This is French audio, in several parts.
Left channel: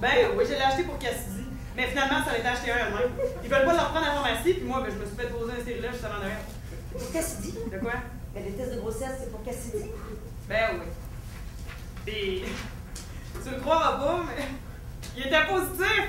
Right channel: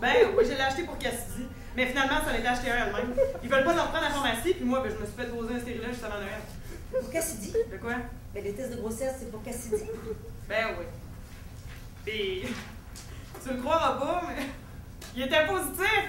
Ben oui, je l'ai acheté pour Cassidy. Mais finalement, ça a été acheté un elle-même. Ils veulent pas le reprendre à la pharmacie, puis moi, ben, je me suis fait poser un stérilet juste avant Noël. Pour Cassidy? De quoi? Ben, les tests de grossesse, c'est pour Cassidy? Ben oui. Puis, tu le croiras pas, mais il était positif.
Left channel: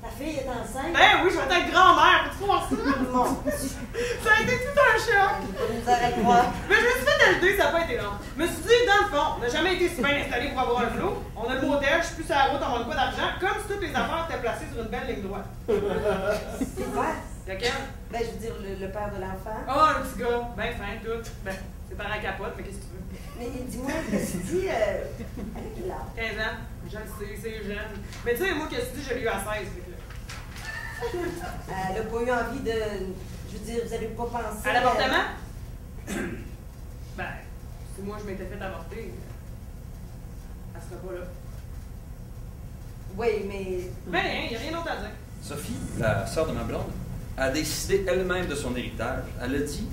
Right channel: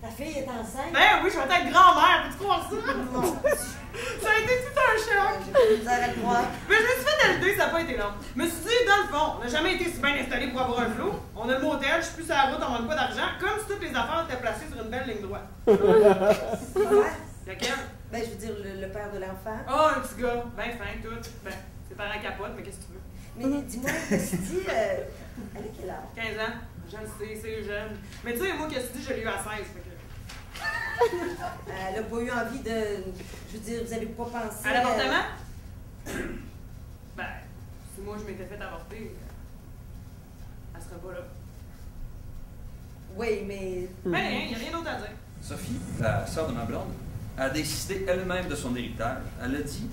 Ta fille est enceinte? Ben oui, je vais être grand-mère, peux-tu croire ça? Non. Ça a été tout un choc. Vous allez le croire. Mais je me suis fait ajouter, ça n'a pas été long. Je me suis dit, dans le fond, on n'a jamais été si bien installé pour avoir un flot. On a le motel, je suis plus sur la route, on manque pas d'argent, comme si toutes les affaires étaient placées sur une belle ligne droite. C'est quoi? Lequel? Ben, je veux dire, le père de l'enfant. Oh, un petit gars, ben fin, tout. Ben, c'est par la capote, mais qu'est-ce que tu veux? Mais dis-moi, Cassidy, elle a quel âge? 15 ans, je le sais, c'est jeune. Mais tu sais, moi, qu'est-ce que tu dis, je l'ai eu à 16. Fait que là. Elle n'a pas eu envie de. Je veux dire, vous n'avez pas pensé. À l'avortement? Ben, si moi je m'étais fait avorter, elle serait pas là. Oui, mais. Ben rien, il n'y a rien d'autre à dire. Sophie, la sœur de ma blonde, a décidé elle-même de son héritage. Elle a dit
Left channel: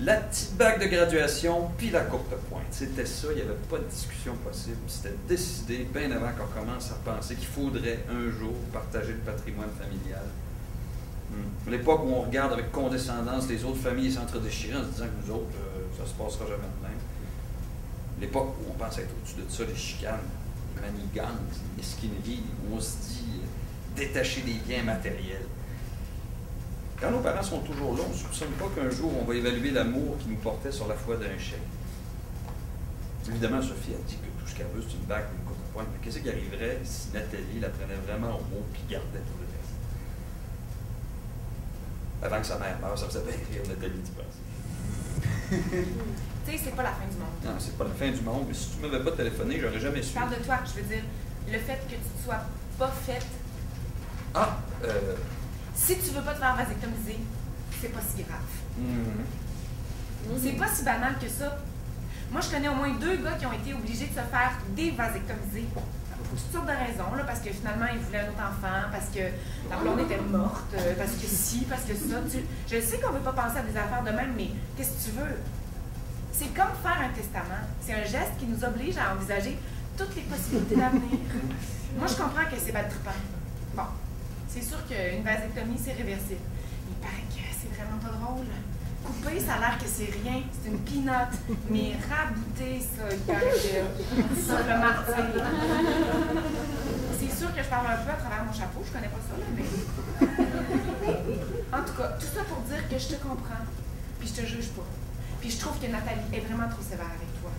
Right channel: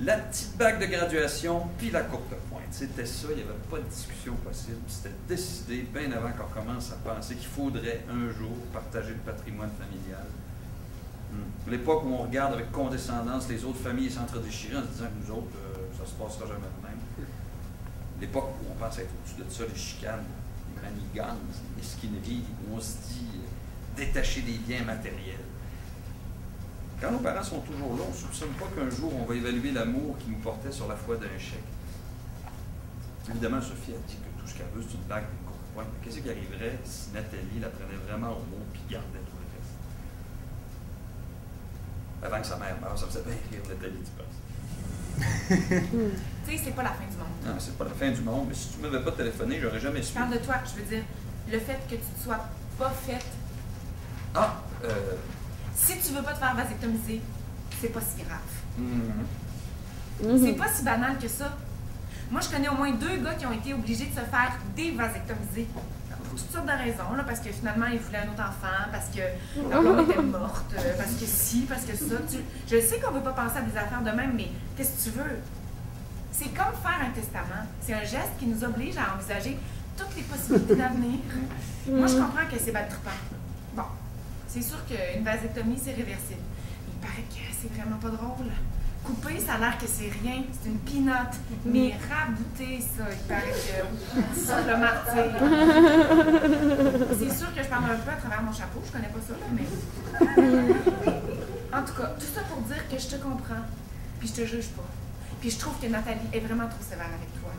la petite bague de graduation puis la courte pointe. C'était ça, il n'y avait pas de discussion possible. C'était décidé bien avant qu'on commence à penser qu'il faudrait un jour partager le patrimoine familial. L'époque où on regarde avec condescendance les autres familles s'entre-déchirer en se disant que nous autres, ça se passera jamais de même. L'époque où on pense être au-dessus de ça, les chicanes, les manigances, les mesquineries, où on se dit détacher des biens matériels. Quand nos parents sont toujours là, on ne soupçonne pas qu'un jour on va évaluer l'amour qui nous portait sur la foi d'un chèque. Évidemment, Sophie a dit que tout ce qu'elle veut, c'est une bague et une courte pointe. Mais qu'est-ce qui arriverait si Nathalie la prenait vraiment au mot et gardait tout le reste? Avant que sa mère meure, ça faisait bien rire Nathalie, tu penses? Tu sais, c'est pas la fin du monde. Non, c'est pas la fin du monde, mais si tu ne m'avais pas téléphoné, j'aurais jamais Je su. parle de toi, je veux dire, le fait que tu ne sois pas faite. Ah, Si tu veux pas te faire vasectomiser, c'est pas si grave. C'est pas si banal que ça. Moi, je connais au moins 2 gars qui ont été obligés de se faire dévasectomiser. Pour toutes sortes de raisons, là, parce que finalement, ils voulaient un autre enfant, parce que leur blonde était morte, parce que si, parce que ça. Je sais qu'on veut pas penser à des affaires de même, mais qu'est-ce que tu veux? C'est comme faire un testament. C'est un geste qui nous oblige à envisager toutes les possibilités d'avenir. Moi, je comprends que c'est pas trippant. Bon, c'est sûr qu'une vasectomie, c'est réversible. Il paraît que c'est vraiment pas drôle. Couper, ça a l'air que c'est rien, c'est une pinotte. Mais rabouter, ça, il paraît que ça, le martyr. C'est sûr que je parle un peu à travers mon chapeau, je connais pas ça, là, mais. En tout cas, tout ça pour dire que je te comprends, puis je te juge pas. Puis je trouve que Nathalie est vraiment trop sévère avec toi.